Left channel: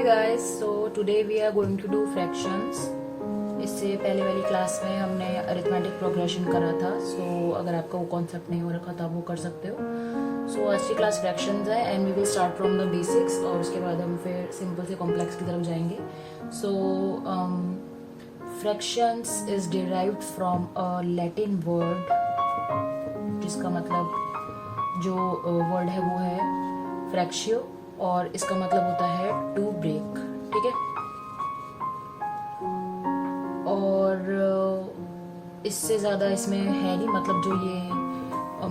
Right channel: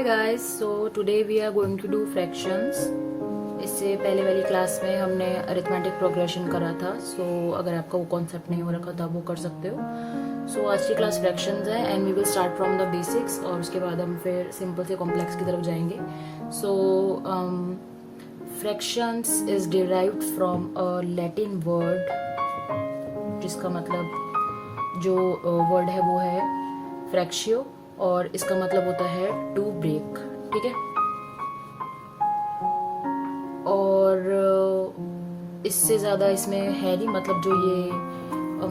Hi guys, so today we are going to do fractions. इससे पहले वाली class में हमने अरिथमेटिक प्रोग्रेशन करा था. So अगर आपका वो कॉन्सेप्ट नहीं हो रखा तो आप वो कर सकते हो. So आज की क्लास फ्रैक्शंस है and we will start from the basics और उसके बाद हम फिर सिंपल से कॉम्प्लेक्स की तरफ जाएंगे. So fractions is derived from a Latin word जिसका मतलब जो वर्ड है वो है फ्रैक्शियो और इसका मतलब होता है टू ब्रेक. ठीक है, और इससे ज़्यादा इसमें है नहीं. मतलब जो ये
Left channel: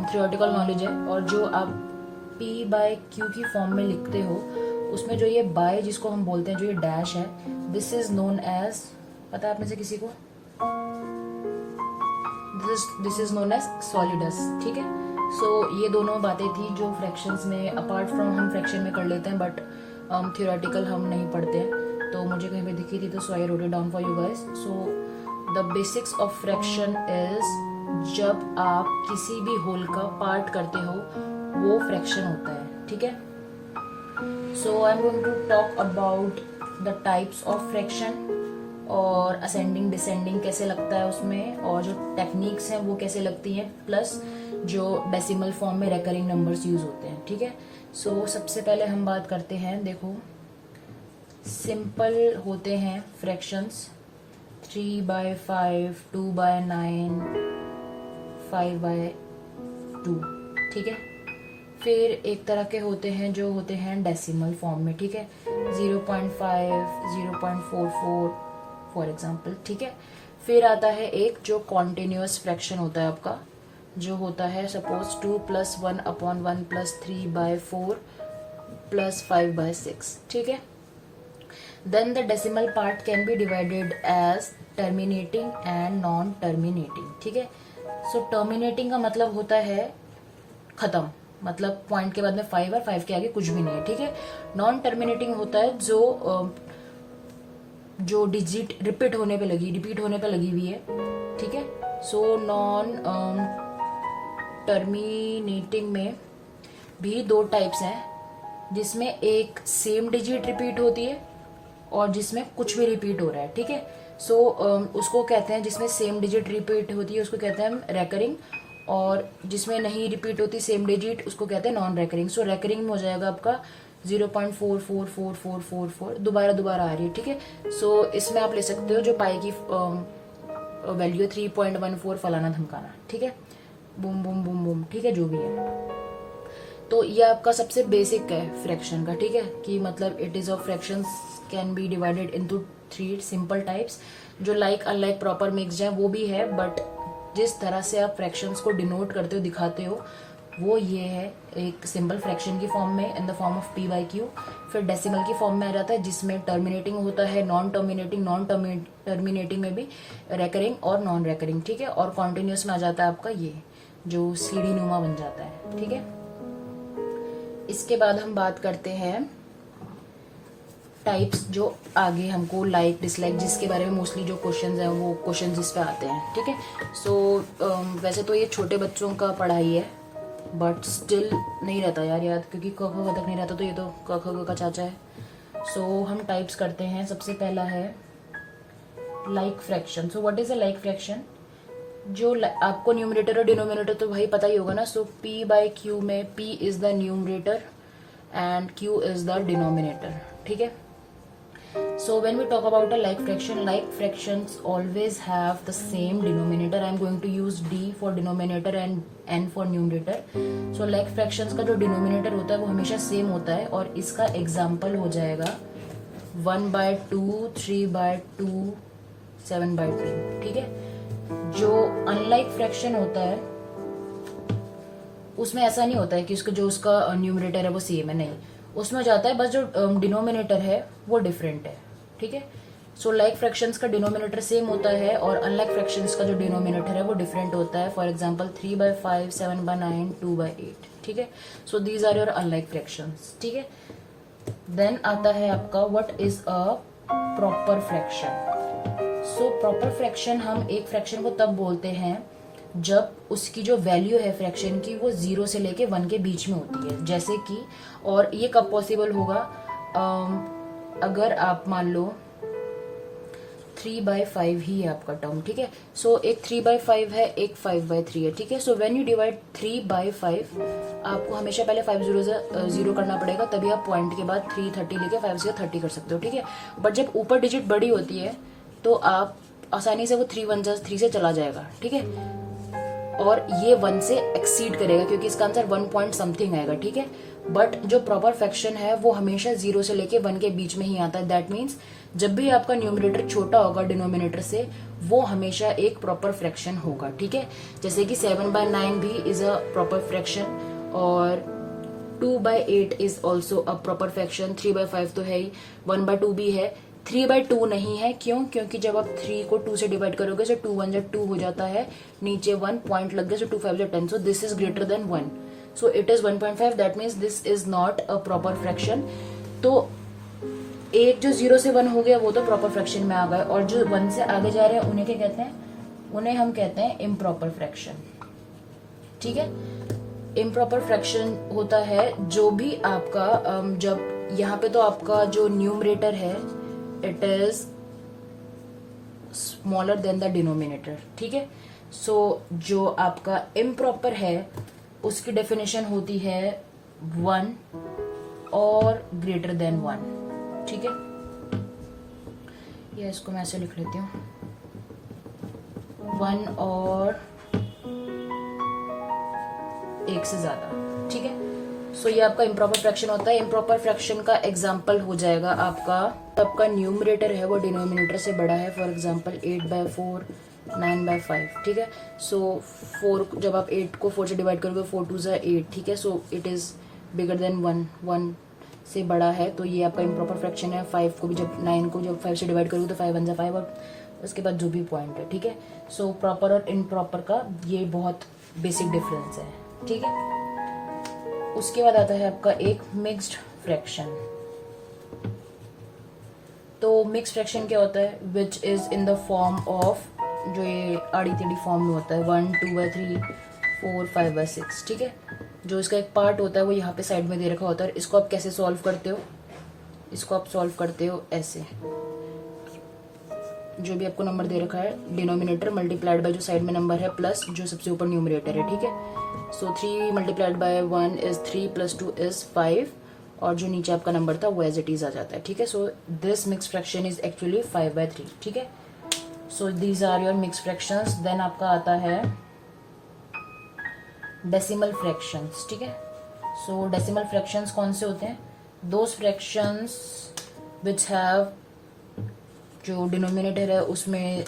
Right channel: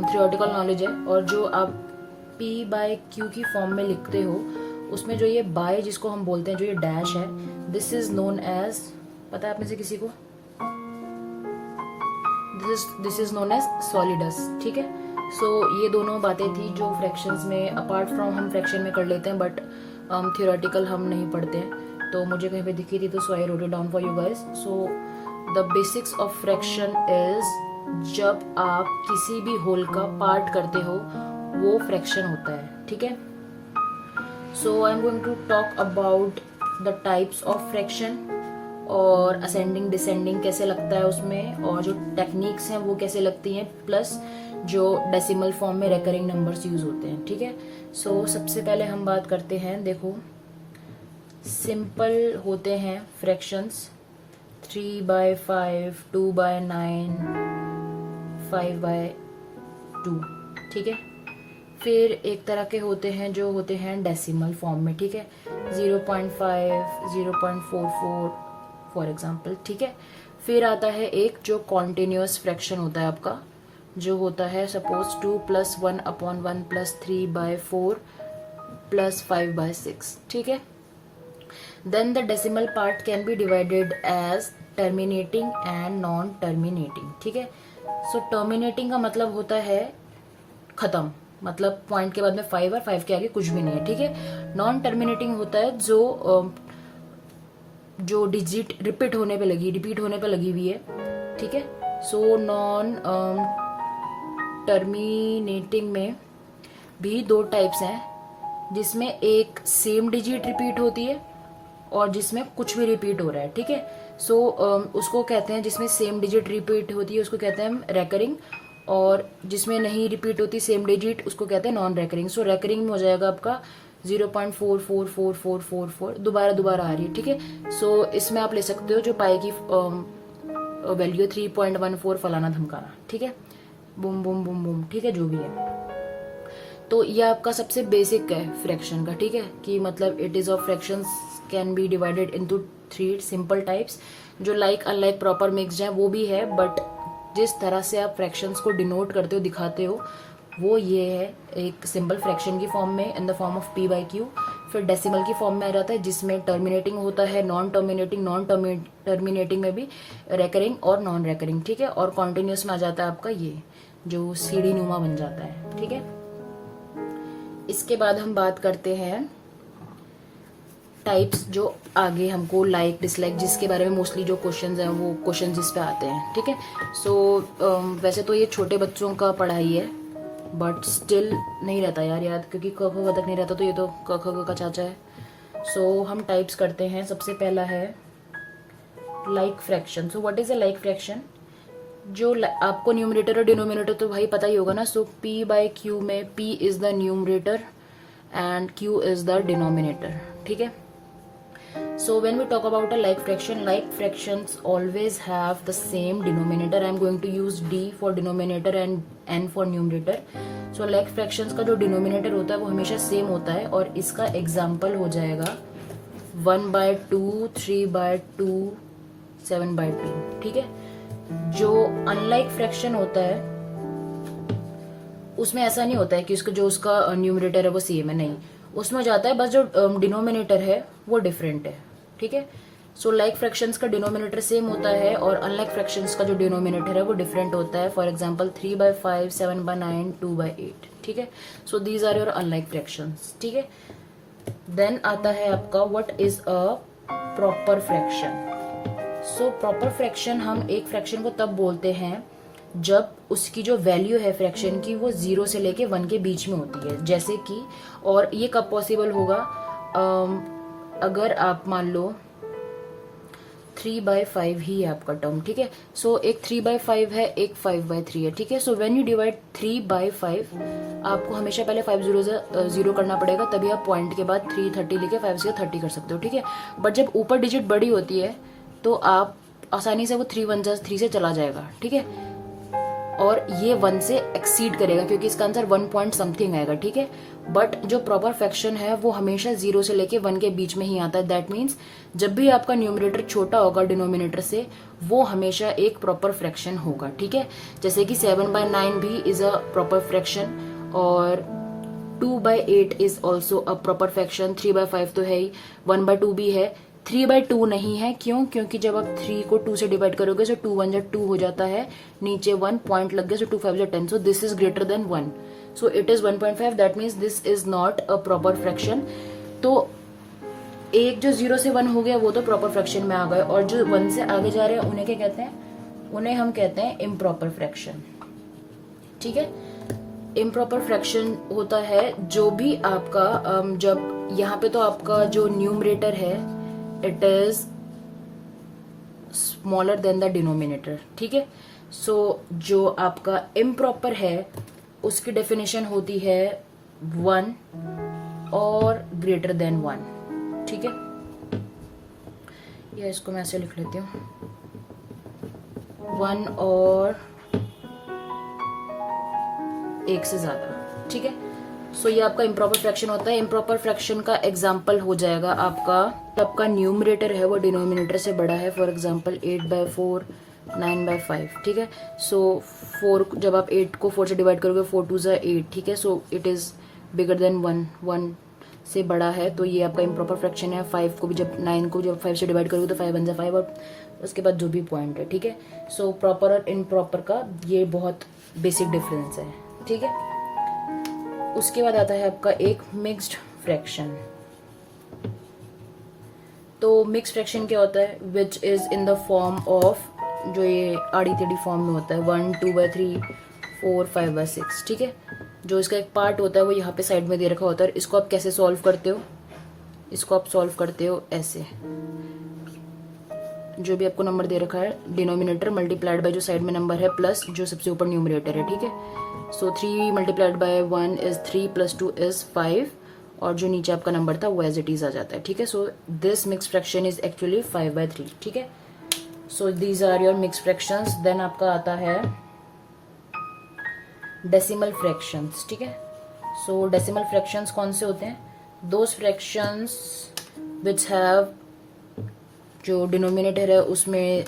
थ्योरेटिकल नॉलेज है और जो आप P बाय Q की फॉर्म में लिखते हो उसमें जो ये बाय जिसको हम बोलते हैं, जो ये डैश है, दिस इज नोन एज, पता है आप में से किसी को, this is known as solidus. ठीक है, सो ये दोनों बातें थी जो फ्रैक्शंस में अपार्ट फ्रॉम हम फ्रैक्शन में कर लेते हैं बट थियोरेटिकल हम नहीं पढ़ते हैं. तो मुझे कहीं पे दिखी थी तो so I wrote it down for you guys. So the basics of fraction is जब आप किसी भी होल का पार्ट करते हो वो फ्रैक्शन होता है. ठीक है, so I am going to talk about the types of fraction और असेंडिंग डिसेंडिंग कैसे लगता है उसमें, और जो टेक्निक्स हैं वो कैसे लगती हैं, प्लस जो डेसिमल फॉर्म में रेकरिंग नंबर्स यूज होते हैं. ठीक है, सो सबसे पहले हम बात करते हैं. देखो, सिंपल होते हैं फ्रैक्शंस 3 बाय 5, 2 बाय 9, 5 बाय 2. ठीक है, फिर एक तरह के होते हैं जो होते हैं डेसिमल फॉर्म में. ठीक है, 0.5, 0.44 फॉर एग्जाम्पल. ठीक है, फिर आता है एक जो कॉन्टिन्यूअस फ्रैक्शन होता है आपका, जो होता है सपोज 2 + 1/1 + 3 बाय 4 + 5 बाय 6. ठीक है, then the decimal part can be divided as terminating and non terminating. ठीक है, सो टर्मिनेटिंग का मतलब होता है खत्म, मतलब पॉइंट के बाद में 5 और 5 के आगे कुछ भी नहीं है. ठीक है, नॉन टर्मिनेटिंग होता है जो डिजिट रिपीट होने पे लगी हुई है. ठीक है, सो नॉन टर्मिनेटिंग में भी दो टाइप्स हैं, जिसमें एक सेम डिजिट रिपीट होती है और जिसमें कुछ भी रिपीट हो रहा है. ठीक है, सो उसको कहते हैं, जिसमें सेम डिजिट रिपीट होती है उसको कहते हैं हम रेकरिंग, और जिसमें नहीं रिपीट होती सेम डिजिट उसको कहते हैं नॉन रेकरिंग. सो रेकरिंग में हो जाएगा आपका 0.444444 दोबारा आ रही है. ठीक है, सो इसमें आप ले सकते हो जो पाई की वैल्यू 3.14 फलाना धमकाना. ठीक है, बूम बूम बूम बूम. ठीक है, जो भी है. तो ये आपका सबसे बेसिक है फ्रैक्शन का. ठीक है, कि मतलब it is of fractions can be divided into 3 simple types. जो लाइक अनलाइक प्रॉपर मिक्स्ड है वो भी है, बट जिस तरह से आप फ्रैक्शंस को डिनोट करते हो, दिखाते हो, वो ये है एक सिंपल फ्रैक्शन की फॉर्म में in the form of P by Q. फिर डेसिमल की फॉर्म में आ जाता है जिसमें टर्मिनेटिंग होता है, नॉन टर्मिनेटिंग में भी रेकरिंग और नॉन रेकरिंग. ठीक है, और कॉन्टिन्यूस में आ जाता है आपका ये जो सीढ़ी नुमा बन जाता है. ठीक है, इसके बाद हम बात करते हैं टाइप्स जो आगे हमको लाइक डिसलाइक, जिसके बारे में मोस्टली जो क्वेश्चंस हैं वो क्वेश्चंस इस पे आते हैं. ठीक है, सो वैसे तो ये छोटे बच्चों का पढ़ाई है बट स्टिल नहीं रहता यार याद, क्योंकि क ख तक नहीं रहता, तो ये तो क ख का चाचा है. सो हम टाइप्स करते हैं. सबसे पहला है like fraction. So what is a like fraction? जो आपको न्यूमरेटर और डिनोमिनेटर तो भाई पता ही होगा ना. सो P बाय Q में P is the numerator and Q is the denominator. ठीक है, so when we talk about a like fractions always have the same denominator. I am going to use D for denominator and N for numerator. so like fractions का जो denominator होता है वो हमेशा same होता है, और इसका एग्जाम्पल हो जाएगा 1/2, 3/2, 7/2. ठीक है, जो अनलाइक फ्रैक्शन होता है उसमें ऐसा नहीं होता है कि उसका न्यूमरेटर है वो सेम है, नहीं, उसमें जाता है बस जो डिनोमिनेटर है वो डिफरेंट है. ठीक है, सो लाइक फ्रैक्शंस का डिनोमिनेटर सेम होता है और अनलाइक फ्रैक्शंस का जो डिनोमिनेटर है वो डिफरेंट होता है. For example 3/5, 7/9, 2/8. ठीक है, so these are your unlike fractions. ठीक है, देन आता है आपका what is a proper fraction. So proper fraction, हम एक फ्रैक्शन को तब बोलते हैं जब उसकी जो वैल्यू है फ्रैक्शन की वो 0 से लेके 1 के बीच में होती है. जैसे कि, और ये कब पॉसिबल होगा, अगर आप मान लो 3/5 ही है आपका टर्म, ठीक है। सो एक 3/5 है, एक 5/3 है, ठीक है। सो व्हेन यू डिवाइड 3/5 आपको हमेशा पहले 5 0 करना पड़ेगा, तभी आप पॉइंट के बाद 330 लेके 5 से 30 कर सकते हो, ठीक है। बट जब ऊपर डिजिट बड़ी होती है तो आप आसानी से वो 3 1 3 से चला जाएगा, ठीक है। और ये 1 से एक्सीड करेगा क्योंकि इसका आंसर 1 पॉइंट समथिंग आएगा, ठीक है। बट जो प्रॉपर फ्रैक्शन है वो हमेशा 0 से लेके 1 के बीच में ही आता है। दैट मीन्स जब भी आपका न्यूमरेटर छोटा होगा डिनोमिनेटर से, वो हमेशा एक प्रॉपर फ्रैक्शन होगा, ठीक है। जैसे कि 7/9 भी इज अ प्रॉपर फ्रैक्शन, और 2/8 is also a proper fraction. 3/5 तो है ही, 1/2 भी है, 3/2 नहीं है। क्यों? क्योंकि जब आप 3 को 2 से डिवाइड करोगे तो 2 1 2 हो जाता है, नीचे 1 पॉइंट लग गया, सो 2 5 10, सो this is greater than 1, so it is 1.5। That means this is not a proper fraction. तो एक जो 0 से 1 हो गया वो तो प्रॉपर फ्रैक्शन में आ गए, और जो 1 से आगे जा रहे हैं उन्हें क्या कहते हैं? उन्हें हम कहते हैं इम्प्रॉपर फ्रैक्शन, ठीक है। इम्प्रॉपर फ्रैक्शन होता है जो भी आपका जब यहाँ पे तो आपका जो न्यूमरेटर है it is smaller than the denominator, ठीक है। सो जो आपका इम्प्रॉपर है उसकी डेफिनेशन होती है 1 और ग्रेटर देन 1, ठीक है। या इसको मैं ऐसे लिख लेती हूँ, 1 और 1 से ज्यादा, ठीक है। सो ये आपका इम्प्रॉपर फ्रैक्शन होता है। इम्प्रॉपर फ्रैक्शन का एग्जाम्पल हो जाएगा आपका न्यूमरेटर है वो डिनोमिनेटर से बड़ा है, फॉर एग्जाम्पल 8/4 9/5, ठीक है। सो 4 जब आप 8 को 4 से डिवाइड करोगे 4 2 8, ठीक है। So it is bigger than 1 से बड़ा है, तो ये आपका इम्प्रॉपर फ्रैक्शन है। 9 को जब 5 से डिवाइड करोगे तो 5 1 5, और उसके बाद जो भी पॉइंट है, ठीक है। सो प्रॉपर और इम्प्रॉपर का ये बहुत बेसिक डिफरेंस है, ठीक है। उसके बाद आता है आपका एक मिक्स्ड फ्रैक्शन। तो मिक्स्ड फ्रैक्शन क्या होता है? Which is in the form of, जो ये आड़ी टेढ़ी फॉर्म में होता है, 1 2/3 4 5/6, ठीक है। जो इसका एक पार्ट होता है वो यहाँ पे साइड में दे रखा होता है। इसको आप कैसे सॉल्व करते हो? इसको आप सॉल्व करते हो ऐसे, जो भी आपको नंबर दे रखा है डिनोमिनेटर मल्टीप्लाइड बाय जो साइड में नंबर है प्लस जो सबसे ऊपर न्यूमरेटर है, ठीक है। सो 3 मल्टीप्लाइड बाय 1 इज 3 + 2 इज 5, और जो नीचे आपका नंबर था वो एज इट इज आ जाता है, ठीक है। So this mix fraction is actually 5/3, ठीक है। So these are your mix fractions. Then आपका आता है डेसिमल फ्रैक्शंस, ठीक है। सो डेसिमल फ्रैक्शंस कौन से होते हैं? दोज फ्रैक्शंस विच हैव, जो डिनोमिनेटर है उसमें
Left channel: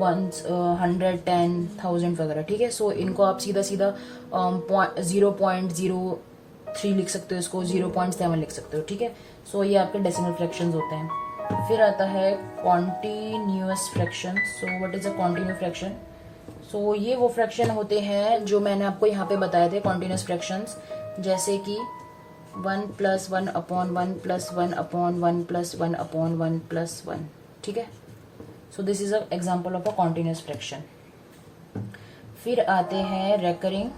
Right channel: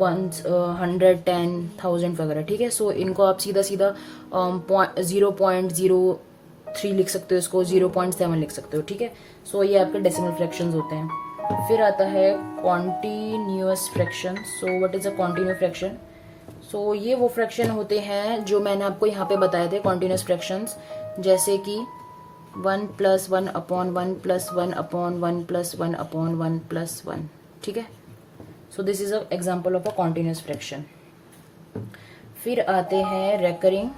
1 100 10 1000 वगैरह, ठीक है। सो इनको आप सीधा 0.03 लिख सकते हो, इसको 0.7 लिख सकते हो, ठीक है। सो ये आपके डेसिमल फ्रैक्शंस होते हैं। फिर आता है continuous fraction. So what is a continuous fraction? So ये वो फ्रैक्शन होते हैं जो मैंने आपको यहाँ पे बताए थे, कॉन्टिन्यूअस फ्रैक्शंस, जैसे कि 1 + 1 अपॉन 1 + 1 अपॉन 1 + 1 अपॉन 1 + 1, ठीक है। So this is a example of a continuous fraction. फिर आते हैं recurring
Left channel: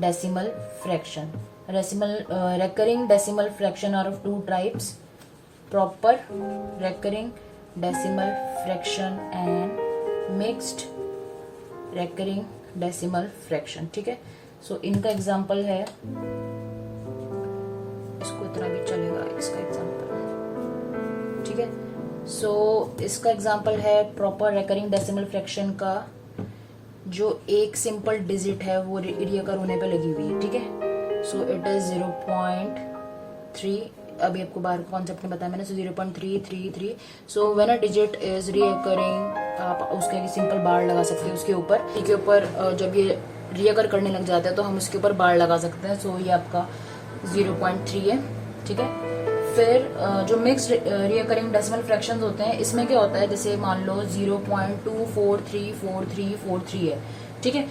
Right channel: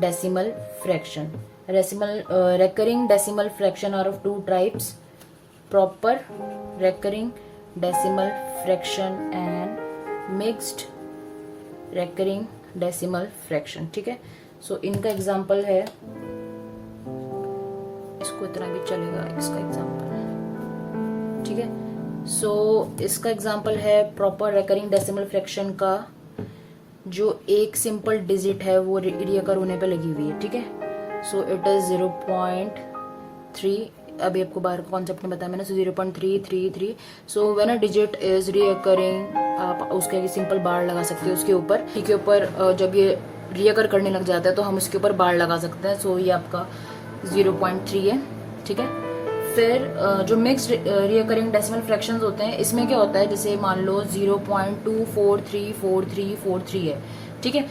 decimal fraction. Recurring decimal fraction are of 2 types, proper recurring decimal fraction and mixed recurring decimal fraction, ठीक है। सो इनका एग्जाम्पल है, इसको इतना भी चलेगा इसका एग्जाम्पल, ठीक है। सो इसका एग्जाम्पल है प्रॉपर रेकरिंग डेसिमल फ्रैक्शन का, जो एक सिंपल डिजिट है वो रिकर होने पे लगी हुई है, ठीक है। सो इट इज 0.3, अभी आपको बाहर कॉन्सेप्ट में बताया मैंने, 0.333। सो when a digit is recurring, आप उसके सिंपल बार लगा सकते हो उसके ऊपर, के ऊपर जब ये रिकर करने लग जाता है तो हम उसके ऊपर बार लगा सकते हैं। सो ये आपका 0.3 है, ठीक है। फिर जो मिक्स्ड रिकरिंग डेसिमल फ्रैक्शंस होते हैं, इसमें क्या होता है, जैसे मान लो 0.2434343 है, ठीक है।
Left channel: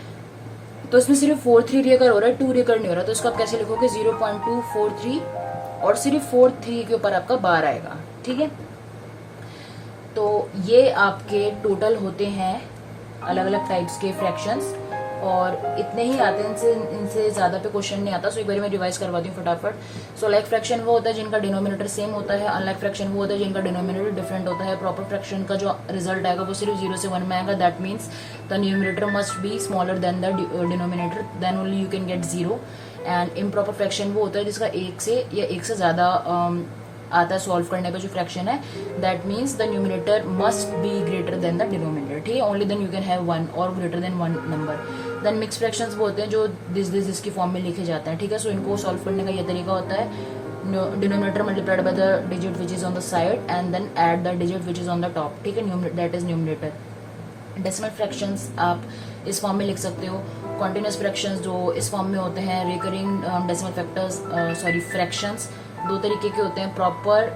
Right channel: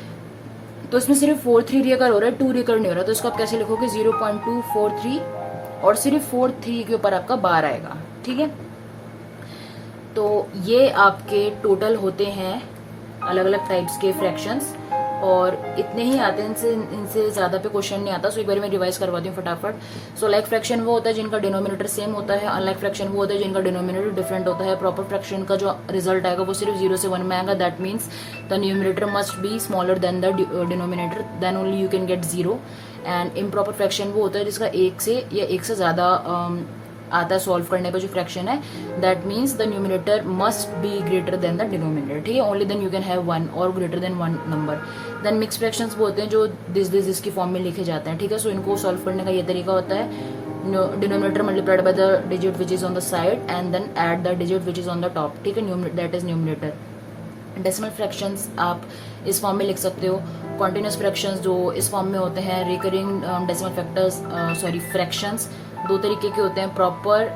तो इसमें सिर्फ 43 रिकर हो रहा है, 2 रिकर नहीं हो रहा, तो इसको आप कैसे लिखोगे? 0.243 और सिर्फ 43 के ऊपर आपका बार आएगा, ठीक है। तो ये आपके टोटल होते हैं अलग अलग टाइप्स के फ्रैक्शंस। और इतने ही आते हैं, इनसे ज्यादा पे क्वेश्चन नहीं आता। सो एक बार मैं रिवाइज करवाती हूँ फटाफट। सो लाइक फ्रैक्शन वो होता है जिनका डिनोमिनेटर सेम होता है, अनलाइक फ्रैक्शन वो होता है जिनका डिनोमिनेटर डिफरेंट होता है। प्रॉपर फ्रैक्शन का जो रिजल्ट आएगा वो सिर्फ 0 से 1 में आएगा, that means the numerator must be smaller than the denominator, then only you can get 0। And improper fraction वो होता है जिसका एक से या एक से ज्यादा आता है सॉल्व करने पे जो फ्रैक्शन है, that means the numerator must be greater than the denominator, ठीक है। Only then you can have 1 और greater than 1 number. Then mix fractions वो होते हैं जो दिस की फॉर्म में लिखे जाते हैं, ठीक है। सो इनको सॉल्व करने का ये तरीका होता है, denominator multiplied by the digit which is on the side and then add the digit which is on the top, ठीक है, that is numerator. Decimal fractions आप इस फॉर्म में लिख सकते हो। कॉन्टिन्यूस फ्रैक्शंस जो इस फॉर्म में होते हैं। रिकरिंग डेसिमल फैक्टर्स फ्रैक्शंस दो तरीके के होते हैं, proper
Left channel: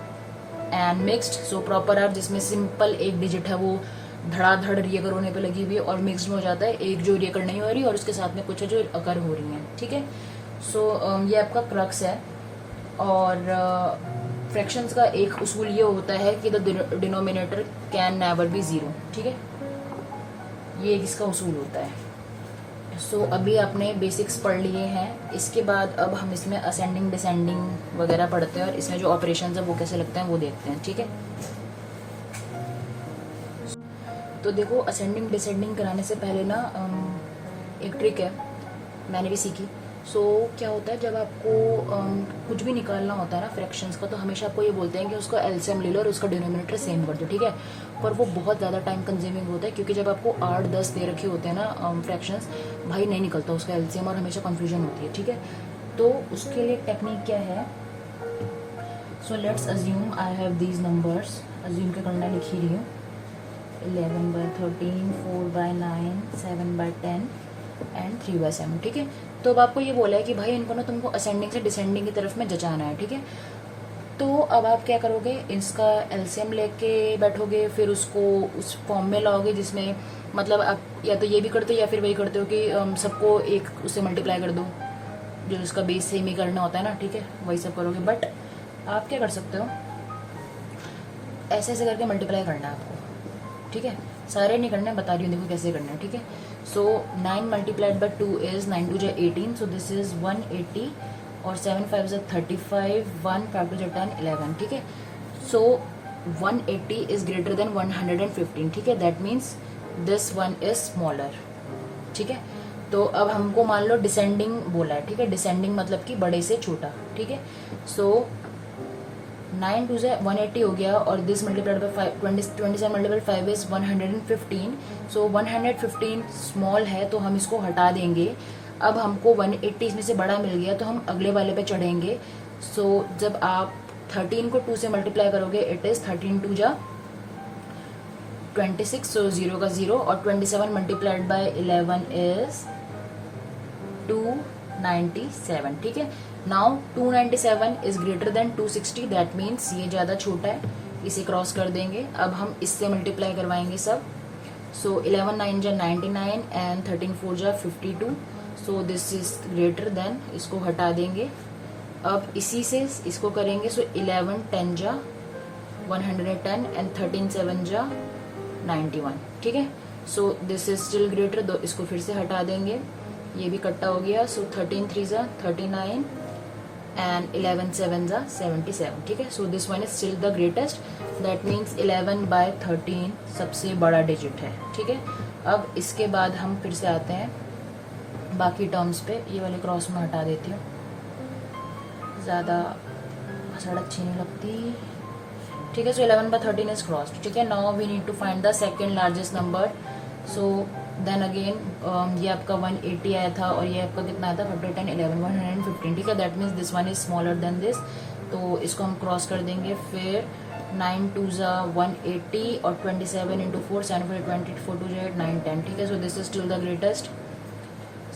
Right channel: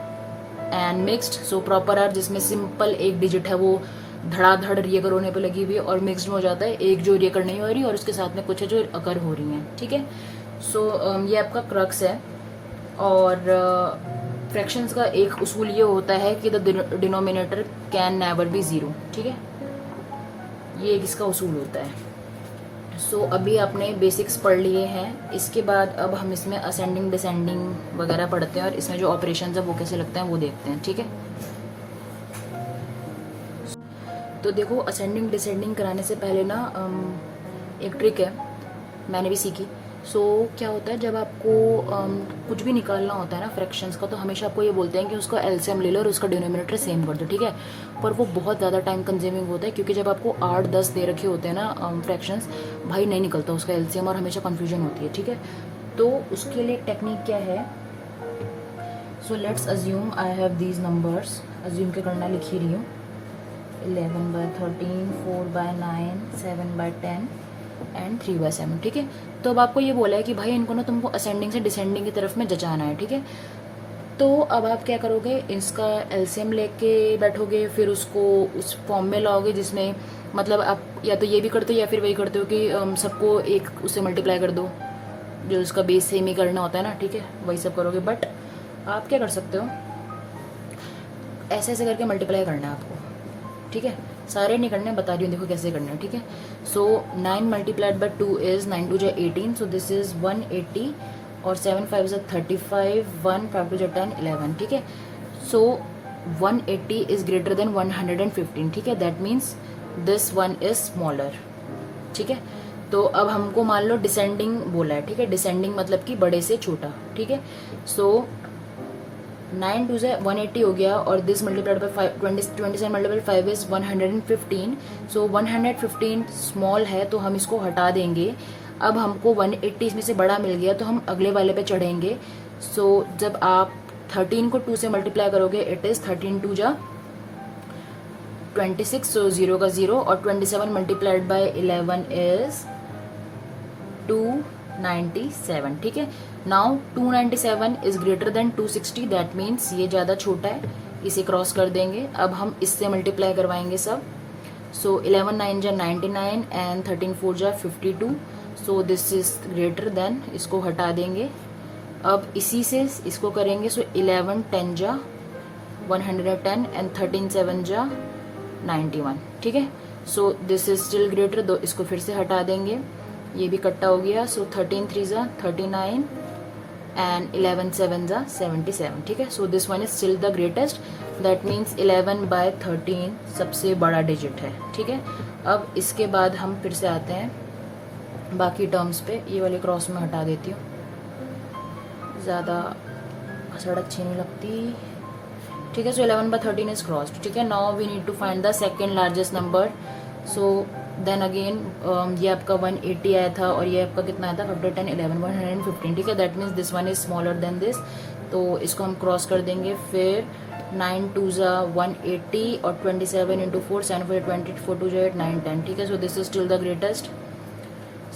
and mixed. So proper are जिसमें सिंपल एक डिजिट है वो धड़ाधड़ रिएकर होने पे लगी हुई है, और मिक्स्ड में हो जाता है एक जो रिएकर नहीं हो रही और उसके साथ में कुछ है जो अकर हो रही है, ठीक है। सो ये आपका क्रक्स है। और फ्रैक्शंस का एक उसूल ये होता है कि the denominator can never be 0, ठीक है, ये इसका उसूल होता है। सो अभी आपने बेसिक्स पढ़ लिए हैं, इसके बाद अब हम इसमें असेंडिंग डिसेंडिंग वगैरह पढ़ते हैं और इसमें जो ऑपरेशंस है वो कैसे लगते हैं वो देखते हैं, ठीक है। तो देखो असेंडिंग डिसेंडिंग कराने से पहले ना एक ट्रिक है, मैंने भी सीखी। सो क्या होता है जब आपको कुछ भी निकालना होता है ना फ्रैक्शंस का, तो हमेशा आपको ये बोलते हैं कि उसका एलसीएम ले लो और उसका डिनोमिनेटर सेम कर दो, ठीक है। पर वो बहुत ज़्यादा टाइम कंज्यूमिंग होता है, क्योंकि जब आपको 8-10 दे रखे होते हैं ना फ्रैक्शंस, भाई नहीं निकलता उसका एलसीएम और हमेशा कन्फ्यूजन होती है, ठीक है। तो उसके लिए टेक्निक क्या है, so let's assume I have these numbers, assume के करना लिख ही रही हूँ, 11/13, 4/9, 7/10 एंड 3/7, ठीक है। तो अब आपको ये बोला है कि भाई इनको ना तुमको असेंडिंग से डिसेंडिंग की तरफ में जचाना है, ठीक है। तो अब आप क्या करोगे, इसका एलसीएम लेके बैठोगे, फिर उसको उस फॉर्म में लाओगे जिसमें मतलब आप या तो ये भी करते हो या फिर वही करते हो कि सबको एक उससे मल्टीप्लाई कर दो, जो उसका बेस सेम ही करना होता है ना, ठीक है, वही सब करोगे। बट आप क्या कर सकते हो, ऐसे ऐसे करके मल्टीप्लाई करना है आपको, ठीक है। सारे नहीं करने, बता रही हूँ देखो कैसे करना है, ठीक है। सो 9 मल्टीप्लाइड बाय 2 इज 9 2 जा 18, सो दिस इज 180 और 7 5 जा 35, 1 5 2 जा 10 11, ठीक है। सो 180 इज ग्रेटर देन 115, ठीक है, that means this one is smaller, ठीक है। तो अब हमको मान लो डिसेंडिंग बोला है, ठीक है, डिसेंडिंग मतलब कि बड़े से छोटा, ठीक है। सो 9 2 से 180 हो गया और this multiplied by 27 multiplied 5 is 115। So 115 small है तो हम इसको हटा देंगे। अब हमको 180 इसमें से बड़ा मिल गया तो हम अगले वाले पे चढ़ेंगे। सो जब आप 13 को 2 से मल्टीप्लाई करोगे, इट इज 13 2 जा 26, सो 0 का 0, और 27 मल्टीप्लाइड बाय 11 इज 297, ठीक है। Now 297 is greater than 260, that means ये ज्यादा छोटा है, इसे क्रॉस कर देंगे। अब हम इससे मल्टीप्लाई करवाएंगे सब। सो 11 9 जा 99 एंड 13 4 जा 52, सो दिस इज ग्रेटर देन, इसको हटा देंगे। अब इसी से इसको करेंगे, सो 11 10 जा 110 एंड 13 7 जा 91, ठीक है। So this is still greater, दो इसको फिर से हटा देंगे, ये भी कट्टा हो गया। सो 13 3 जा 39 एंड 11 7 जा 77, ठीक है। So this one is still the greatest, that means 11/13 सबसे बड़ा डिजिट है, ठीक है। अब इसके बाद हम फिर से आते हैं बाकी टर्म्स पे, ये वाली क्रॉस में हटा देती हूँ, ज्यादा हसड़ अच्छी नहीं लगती, ठीक है। सो 11/13 इज क्रॉस्ड, ठीक है। Now we need to find the second largest number. So then again ये आपका 180 आया था और ये आपका कितना आया था 5 10 11 115, ठीक है। That means this one is smaller than this, तो इसको हम क्रॉस कर देंगे। फिर 9 2 जा 180 और 27 इंटू 4 7 4 20 4 2 जा 8 9 10, ठीक है। So this is still the greatest.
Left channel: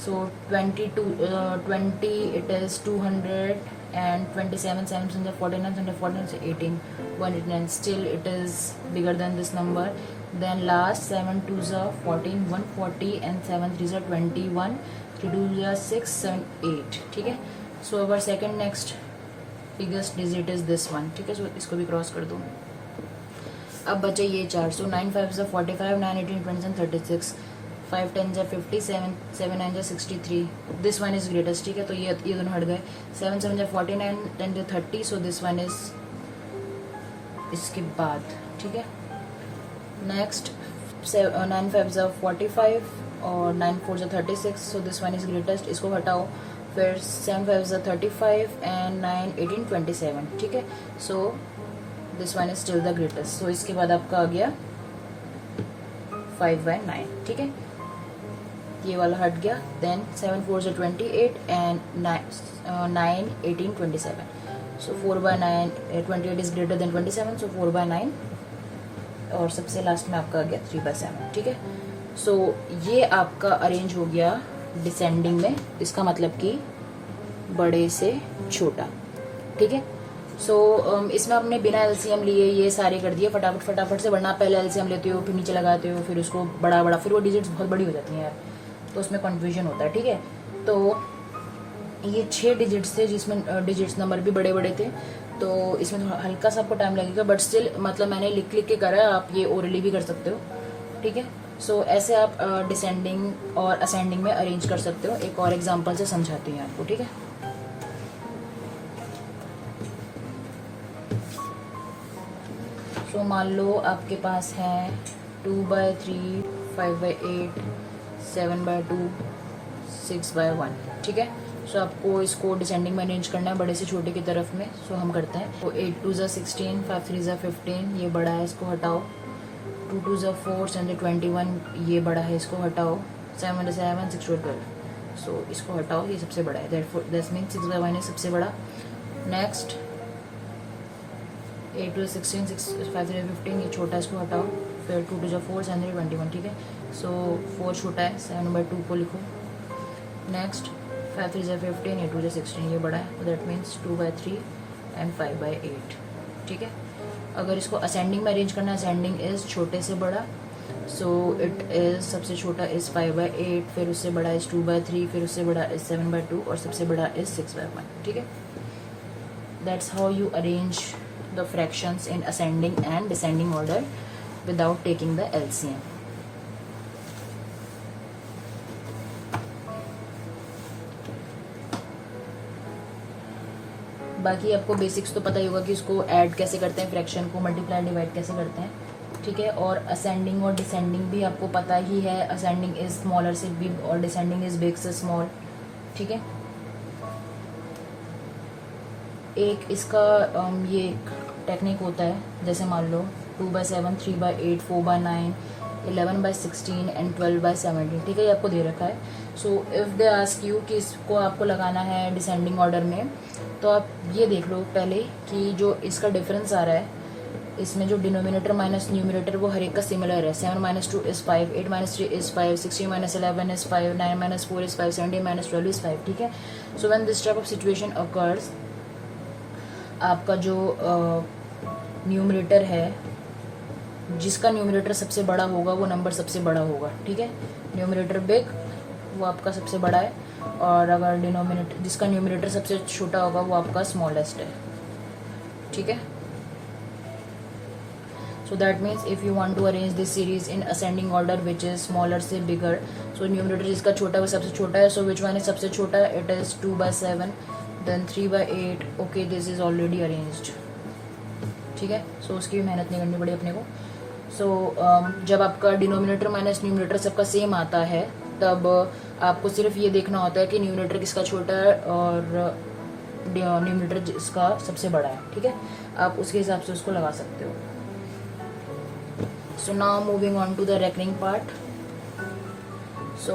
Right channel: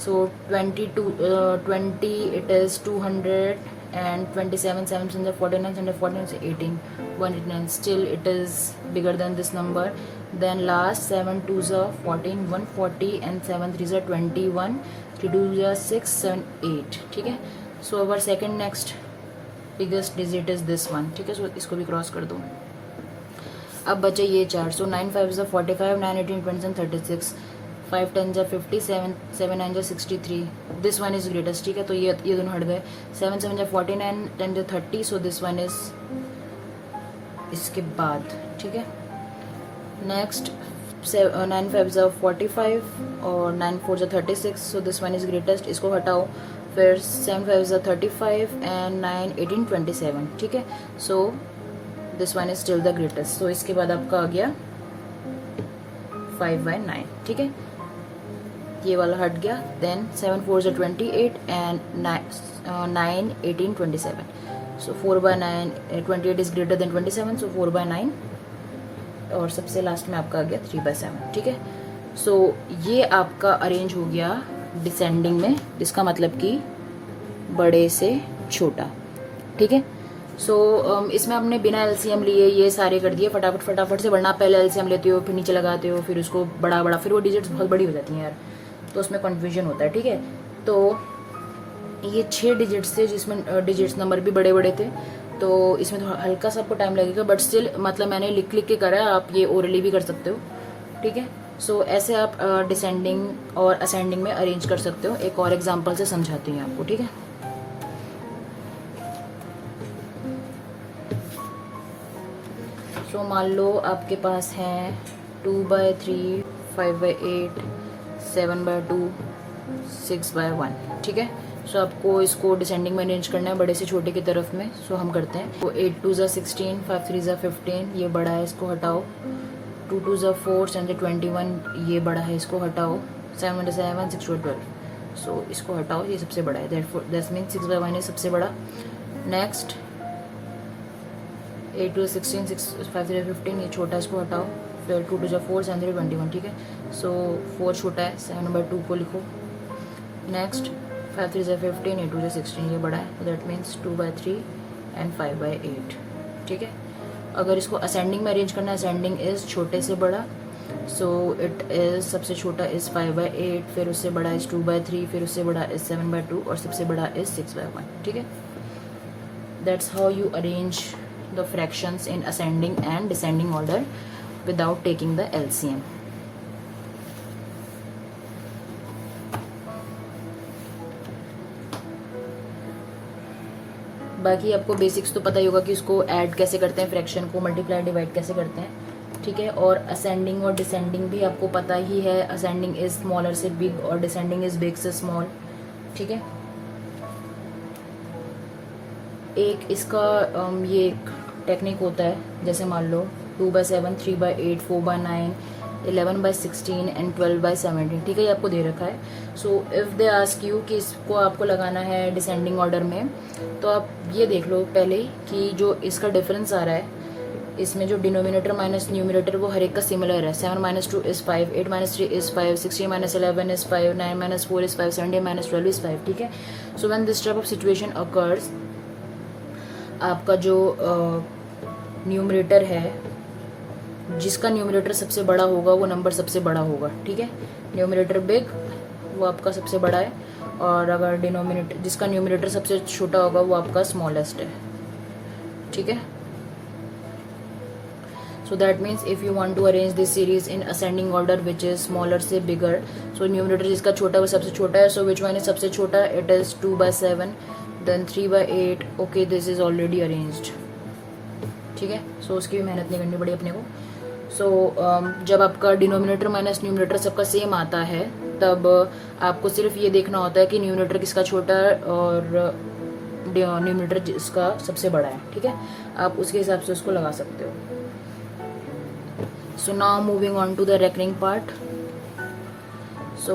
So 20 it is 200 and 27 7 is 49 114 is 18 189, still it is bigger than this number. Then last 7 2s are 14 140 and 7 3s are 21 3 2s are 6 7 8, ठीक है। So our second next biggest digit is this one, ठीक है। So इसको भी cross कर दूँ। अब बचे ये 4, so 9 5 is 45 9 18 27 36 5 10 जा 50, 7 9 जा 63, दिस वन इज ग्रेटेस्ट, ठीक है। तो ये दोनों हट गए। 7 7 जा 49, 10 जा 30, सो दिस वन इज इसके बाद, ठीक है। नेक्स्ट 9 5 जा 45 और 9 4 जा 36, सो दिस वन इज ग्रेटेस्ट, इसको हटाओ। फिर 7 5 जा 35 एंड 9 18 27, ठीक है। So this one is still the greatest. So इसके बाद आपका आ गया 5/9, ठीक है। ये वाला हट गया। देन 7 4 जा 28 and 9 18 27, so 4/9, 28 is greater than 27, सो 4/9 और सबसे लास्ट में आपका आ गया 3/7, ठीक है। सो ये आपका अरेंज हो गया डिसेंडिंग में, इसका मतलब कि बड़े से छोटा, ठीक है। सो इसमें आपने बिना एलसीएम लिए ये सारे कर दिए फटाफट से, वरना आप पहले एलसीएम लेते हो, फिर नीचे लगाते हो, फिर उसको बड़ा, फिर वो डिजिट्स बहुत बड़ी हो जाती हैं यार, तो उसमें कंफ्यूजन होता है, ठीक है। तो ये 6 डिजिट्स थे, जिसमें डिजिट्स नंबर भी बड़े थे, तो इसमें थोड़ा हल्का सा आपको टाइम लगेगा, बट स्टिल मतलब मैंने लिख के करा है, आप ये ओरली भी कर सकते हो, ठीक है। सो ऐसे आप डिसेंडिंग और असेंडिंग में अरेंज कर सकते हो। एक और एग्जांपल से समझाती हूँ आपको, ठीक है। सो मान लो आपके पास है 2/3, 5/8, 7/2, 6/1, ठीक है। सो आपको इसको डिसेंडिंग में अरेंज करना है बड़े से छोटे की तरफ में। सो हम करते हैं। तो 8 2 जा 16, 5 3 जा 15, ये बड़ा है, इसको हटाओ। 2 2 जा 4, 7 जा 21, ये बड़ा है, इसको हटाओ। 7 7, 6 12, सो इसको हटाओ, ये सबसे बड़ा है। दैट मीन्स 6/1 है सबसे बड़ा। नेक्स्ट 8 2 16, 5 3 15, ये छोटा, इसको हटाओ। फिर 2 2 जा 4, 7 3 21, ठीक है। सो 4 छोटा है, 7/2 को लिखो। नेक्स्ट 5 3 जा 15, 8 2 जा 16, ये बड़ा है, तो दैट मीन्स 2/3 एंड 5/8, ठीक है। अगर इसको असेंडिंग में अरेंज करना है, असेंडिंग इज छोटे से बड़ा, सो इट इज सबसे छोटा इज 5/8, फिर उससे बड़ा इज 2/3, फिर उससे बड़ा इज 7/2 और सबसे बड़ा इज 6/1, ठीक है। That's how you arrange the fractions in ascending and descending order without taking the LCM. बाकी आपको बेसिक्स तो पता ही होगा कि इसको ऐड कैसे करते हैं, फ्रैक्शन को मल्टीप्लाई डिवाइड कैसे करते हैं, ठीक है। और असेंडिंग और डिसेंडिंग भी आपको पता ही है। असेंडिंग इज स्मॉलर से बिग और डिसेंडिंग इज बिग से स्मॉल, ठीक है। एक इसका ये टेक्निक होता है, जैसे मान लो 2/7, 3/8, 4/9, 11/16 एंड 12/17, ठीक है। ये आपको दे रखा है। So if they ask you कि इसको आपको लगाना है डिसेंडिंग ऑर्डर में, तो आप ये देख लो पहले कि जो इसका डिफरेंस आ रहा है, इसमें जो डिनोमिनेटर माइनस न्यूमिनेटर वो हर एक का सिमिलर है। 7 - 2 is 5, 8 - 3 is 5, 16 - 11 is 5, 9 - 4 is 5, 17 - 12 is 5, ठीक है। So when this type of situation occurs, आपका जो न्यूमरेटर है, जिसका न्यूमरेटर सबसे बड़ा होगा वो नंबर सबसे बड़ा होगा, ठीक है। न्यूमरेटर बिग वो आपका सबसे बड़ा है, और अगर डिनोमिनेटर जिसका न्यूमरेटर सबसे छोटा होगा वो आपका स्मॉलेस्ट है, ठीक है। So that means if you want to arrange this series in ascending order which is smaller से बिगर, सो न्यूमरेटर जिसका छोटा वो सबसे छोटा है, सो विच वन इज सबसे छोटा, it is 2/7, then 3/8, okay this is already arranged, ठीक है। सो उसकी भी मेहनत नहीं करनी पड़ी अपने को। सो जब आपका डिनोमिनेटर माइनस न्यूमरेटर सबका सेम आता है, तब आपको सिर्फ ये देखना होता है कि न्यूमरेटर किसका छोटा है और न्यूमरेटर जिसका सबसे बड़ा है, ठीक है। आप उसके हिसाब से उसको लगा सकते हो। So now moving on to the recurring part. So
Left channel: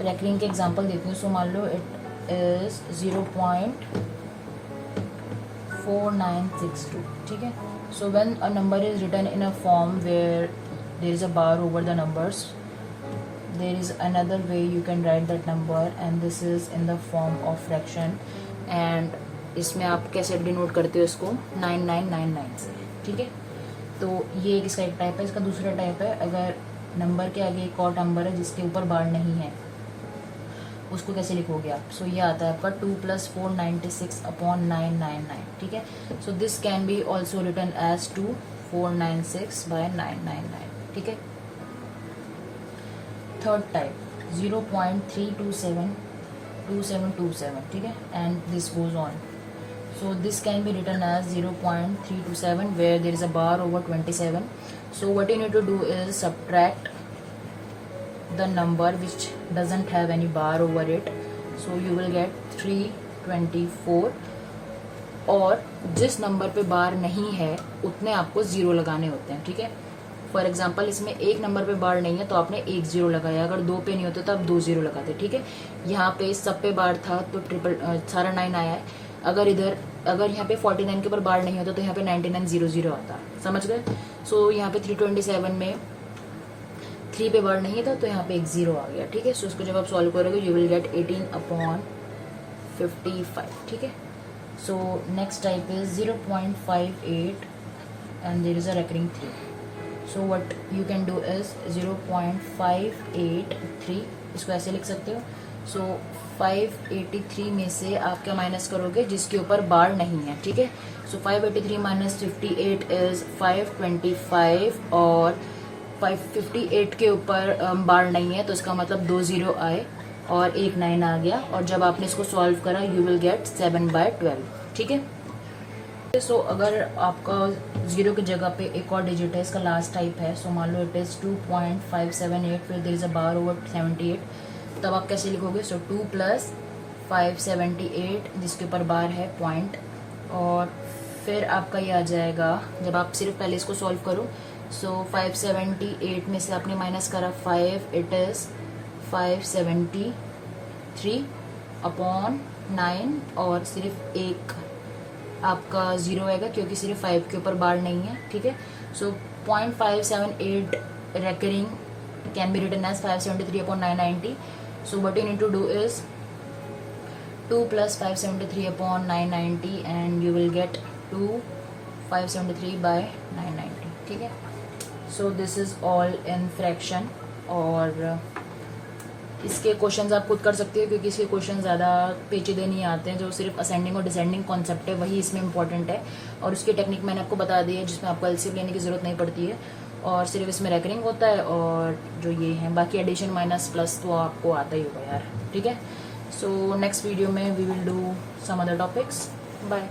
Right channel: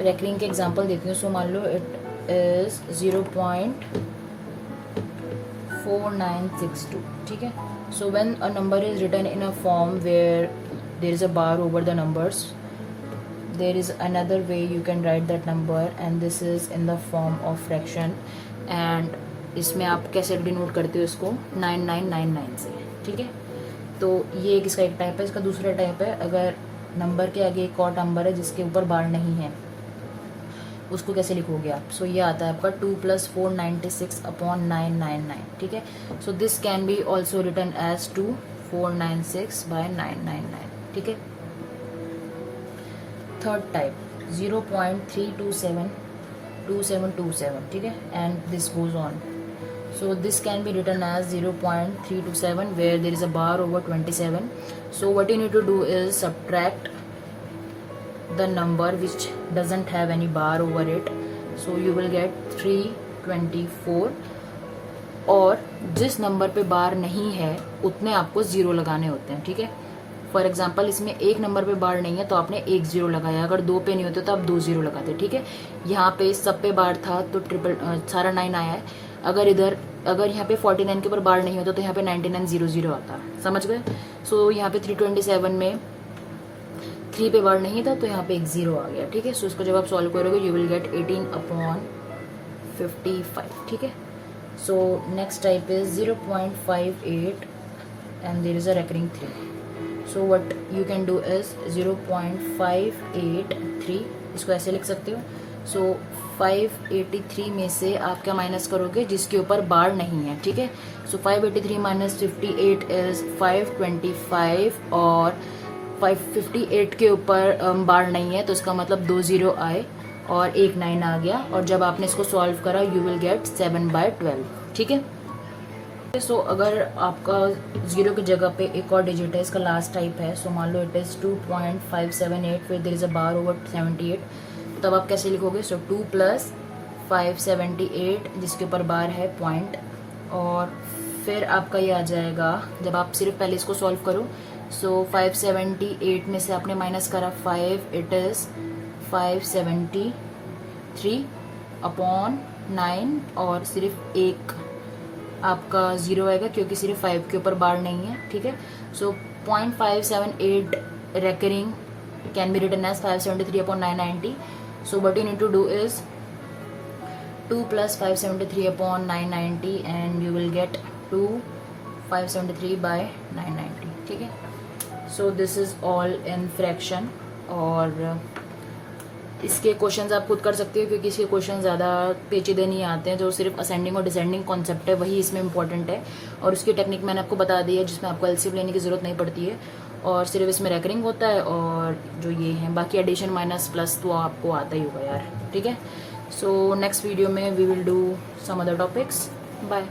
recurring के एग्जांपल देती हूँ। सो मान लो इट इज 0.4962, ठीक है। So when a number is written in a form where there is a bar over the numbers, there is another way you can write that number, and this is in the form of fraction, and इसमें आप कैसे denote करते हो इसको 9999 से, ठीक है। तो ये इसका एक टाइप है। इसका दूसरा टाइप है, अगर नंबर के आगे एक और नंबर है जिसके ऊपर बार नहीं है, उसको कैसे लिखोगे आप। सो ये आता है आपका 2 + 496/999, ठीक है। So this can be also written as 2496/999, ठीक है। थर्ड टाइप 0.3272727, ठीक है, and this goes on. So this can be written as 0.327 where there is a bar over 27. So what you need to do is subtract the number which doesn't have any bar over it. So you will get 324. और जिस number पे बार नहीं है उतने आपको zero लगाने होते हैं, ठीक है. फॉर एग्जाम्पल इसमें एक नंबर पे बार नहीं है तो आपने एक जीरो लगाया, अगर दो पे नहीं होते तो आप दो जीरो लगाते, ठीक है. यहाँ पे सब पे बार था तो सारा 9 आया है. अगर यहाँ पे 49 के ऊपर बार नहीं होता तो यहाँ पे 9900 आता, समझ गए. सो यहाँ पे 327 में 3 पे बार नहीं था तो यहाँ पे एक जीरो आ गया, ठीक है. सो इसको जब आप सॉल्व करोगे यू विल गेट 18/55, ठीक है. So next type is 0.58 and there is a recurring 3. So what you can do is 0.583, इसको ऐसे लिख सकते हो. सो 583 में से आप क्या माइनस करोगे जिसके ऊपर बार नहीं है, ठीक है. सो 583 माइनस 58 इज 525 और 558 के ऊपर बार नहीं है तो इसका मतलब 2 जीरो आए और एक 9 आ गया. और जब आपने इसको सॉल्व करा यू विल गेट 7/12, ठीक है. सो अगर आपका जीरो की जगह पे एक और डिजिट है, इसका लास्ट टाइप है. सो मान लो इट इज 2.578 फिर there is a bar over 78, तब आप कैसे लिखोगे. सो 2 + 578 जिसके ऊपर बार है पॉइंट, और फिर आपका ये आ जाएगा जब आप सिर्फ पहले इसको सॉल्व करो. सो 578 में से आपने माइनस करा 5, इट इज 573/9 और सिर्फ एक आपका जीरो आएगा क्योंकि सिर्फ 5 के ऊपर बार नहीं है, ठीक है. So 0.578 recurring can be written as 573/990. So what you need to do is 2 + 573/990 and you will get 2/573/990, ठीक है. So this is all in fraction. और इसके क्वेश्चंस आप खुद कर सकते हो क्योंकि इसके क्वेश्चन ज़्यादा पेचीदे नहीं आते हैं. जो सिर्फ असेंडिंग और डिसेंडिंग कॉन्सेप्ट है वही इसमें इंपॉर्टेंट है, और उसकी टेक्निक मैंने आपको बता दी है जिसमें आपको एलसीएम लेने की जरूरत नहीं पड़ती है, और सिर्फ इसमें रेकरिंग होता है. और जो ये है बाकी एडिशन माइनस प्लस तो आपको आता ही होगा यार, ठीक है. सो नेक्स्ट वीडियो में we will do some other topics. Bye.